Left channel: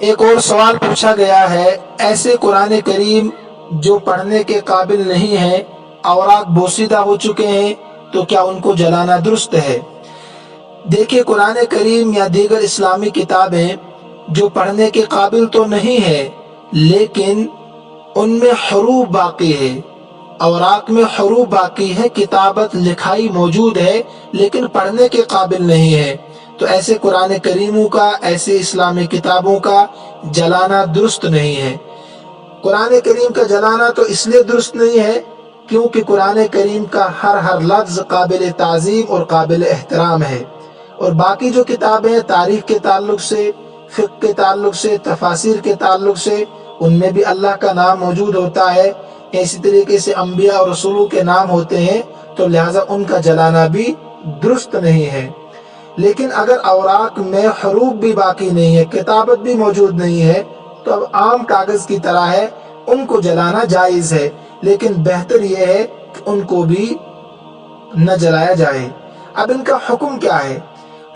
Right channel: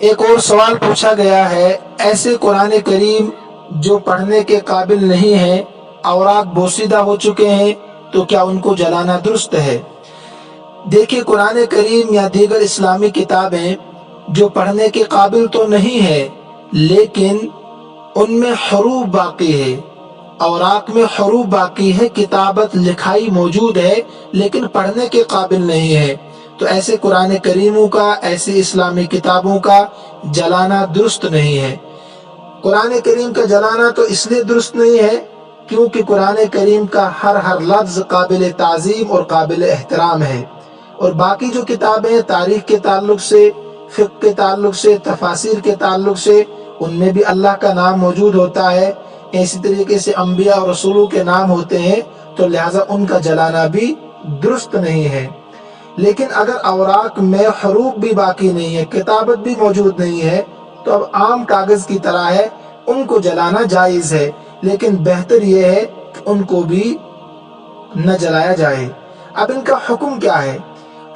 एक और सवाल पूछा गया है, ऐसे कुरान करीम जो पढ़ने के काबिल नहीं है, औरात बोसीदा हो चुके हैं, तो क्या उनको जलाना दुरुस्त है? देखिए, कुरान करीम या दीगर इस्लामी किताबें जो पढ़ने के काबिल तो नहीं है, लेकिन उनमें हरूफ बाकी है, औरात में हरूफ बाकी है, किताबत लिखाई मौजूद है, लेकिन पढ़ने के काबिल नहीं है, तो ऐसे कुरान करीमों का, ऐसे इस्लामी किताबों का जलाना दुरुस्त नहीं है। कुरान करीम का जलाना तो इसलिए दुरुस्त नहीं है क्योंकि कुरान करीम का हर लफ्ज़ काबिल ताज़ीम और काबिल एहतराम है, और बाकी जो किताबें तारीख़ के ताल्लुक से, फ़िक़्ह के ताल्लुक से, तफासिर के ताल्लुक से, उनमें भी अल्लाह का नाम मौजूद होता है। इसी तरीके से अंबिया और रसूलों के नाम होते हैं, तो लिहाजा उनका जलाना भी दुरुस्त नहीं है। लेकिन अगर औराक में हरूफ भी बाकी नहीं है, किताबत भी मौजूद नहीं है, तो अब आम कागज़ की तरह है, उनको जलाना जायज़ है, लेकिन बेहतर यह है कि उनको भी न जलाया जाए। अब इनका हुक्म क्या है?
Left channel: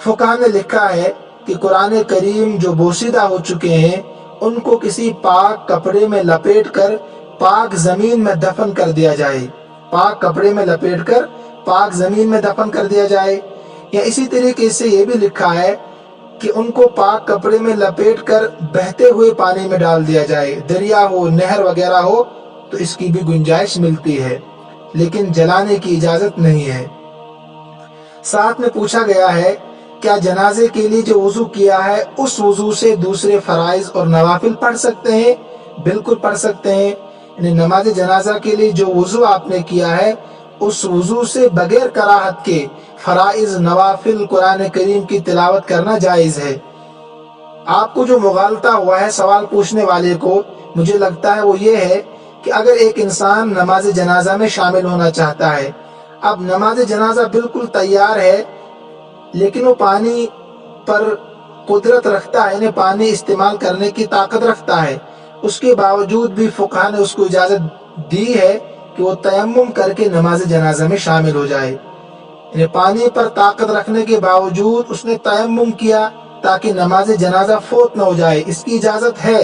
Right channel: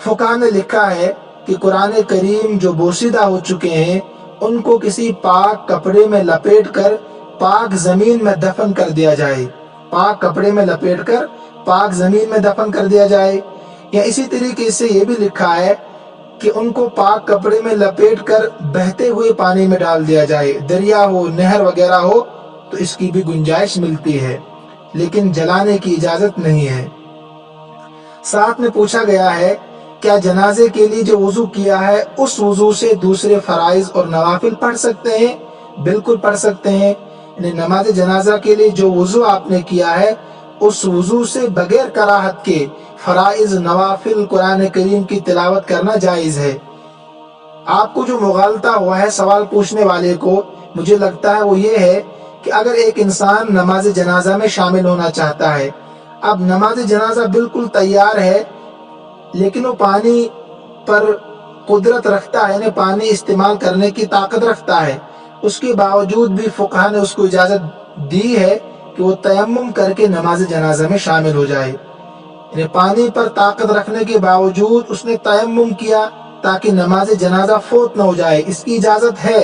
फुक़हा ने लिखा है कि कुरान करीम जो बोसीदा हो चुके हैं, उनको किसी पाक कपड़े में लपेट कर पाक ज़मीन में दफन कर दिया जाए। पाक कपड़े में लपेट कर पाक ज़मीन में दफन कर दिया जाए। या इसी तरीके से ये भी लिखा है कि उनको पाक कपड़े में लपेट कर बहते हुए पानी में डाल दिया जाए, दरिया हो, नहर वगैरह हो, तो इसकी भी गुंजाइश मिलती है, लेकिन जलाने की इजाज़त नहीं है। साथ में पूछा गया है, क्या जनाजे के लिए जो वुज़ू किया है, उस वुज़ू से दूसरे फ़राइज़ और नवाफिल पढ़ सकते हैं? बिल्कुल पढ़ सकते हैं। नमाज जनाजा के लिए जो वुज़ू आपने किया है, उस वुज़ू से बगैर कराहत के फ़राइज़, नवाफिल, कुरान करीम की तिलावत करना जायज़ है। आपको जो मुग़ालता हुआ है सवाल पूछने वाले को, मुझे लगता है वो ये है कि अगर एक इंसान नमाज जनाजा में शामिल होना चाहता है, अब नमाज जनाजा बिल्कुल तैयार है, लेकिन वो पानी पर कुदरत रखता है, यानी पानी इस्तेमाल करने की ताकत रखता है, उसके बावजूद भी फुक़हा ने उसको इजाज़त दी है कि वो तयम्मुम करके नमाज जनाजा में शामिल हो जाए। यानी पानी पर ताकत रखने के बावजूद उसने तयम्मुम किया ताकि नमाज जनाजा फौत न हो जाए, इसकी इजाज़त है।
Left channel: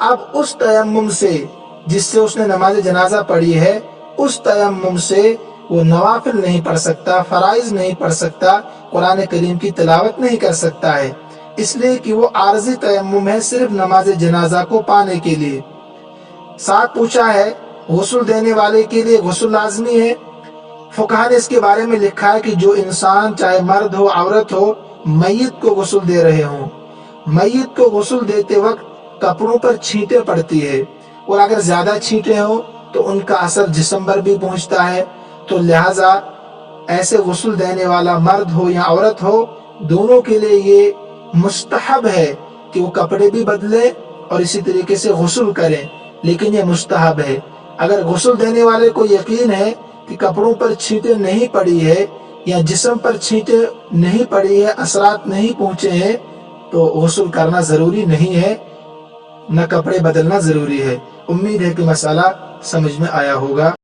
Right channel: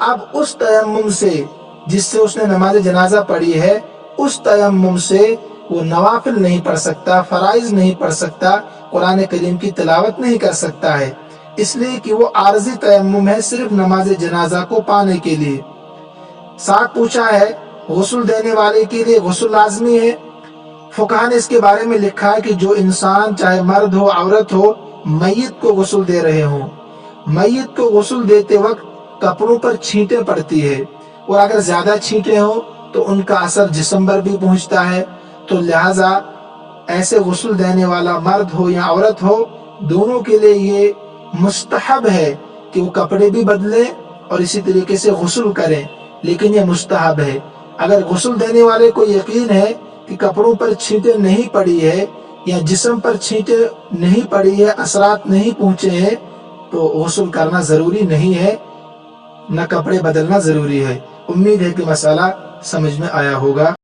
अब उस तयम्मुम से जिससे उसने नमाज जनाजा पढ़ी है, उस तयम्मुम से वो नवाफिल नहीं पढ़ सकता, फ़राइज़ नहीं पढ़ सकता, कुरान करीम की तिलावत नहीं कर सकता है, इसलिए कि वो आर्ज़ी तयम्मुम है, सिर्फ नमाज जनाजा को पाने के लिए। साथ पूछा है, गुस्ल देने वाले के लिए गुस्ल लाजमी है? फुक़हा ने इसके बारे में लिखा है कि जो इंसान, चाहे मर्द हो, औरत हो, मय्यत को गुस्ल दे रहे हों, मय्यत को गुस्ल देते वक्त कपड़ों पर छींटें पड़ती है, और अगर ज़्यादा छींटें हों तो उनका असर जिस्म पर भी पहुँचता है, तो लिहाजा ऐसे गुस्ल देने वाला मर्द हो या औरत हो, दोनों के लिए ये मुस्तहब है कि वो कपड़े भी बदलें और इसी तरीके से गुस्ल करें, लेकिन ये मुस्तहब है। अगर गुस्ल देने वाले को यकीन है कि कपड़ों पर छींटें नहीं पड़ी है या जिस्म पर छींटें नहीं पड़ी है, असरात नहीं पहुँचे हैं, तो गुस्ल करना ज़रूरी नहीं है, न कपड़े बदलना ज़रूरी है। उम्मीद है कि मसाला समझ में आया होगा।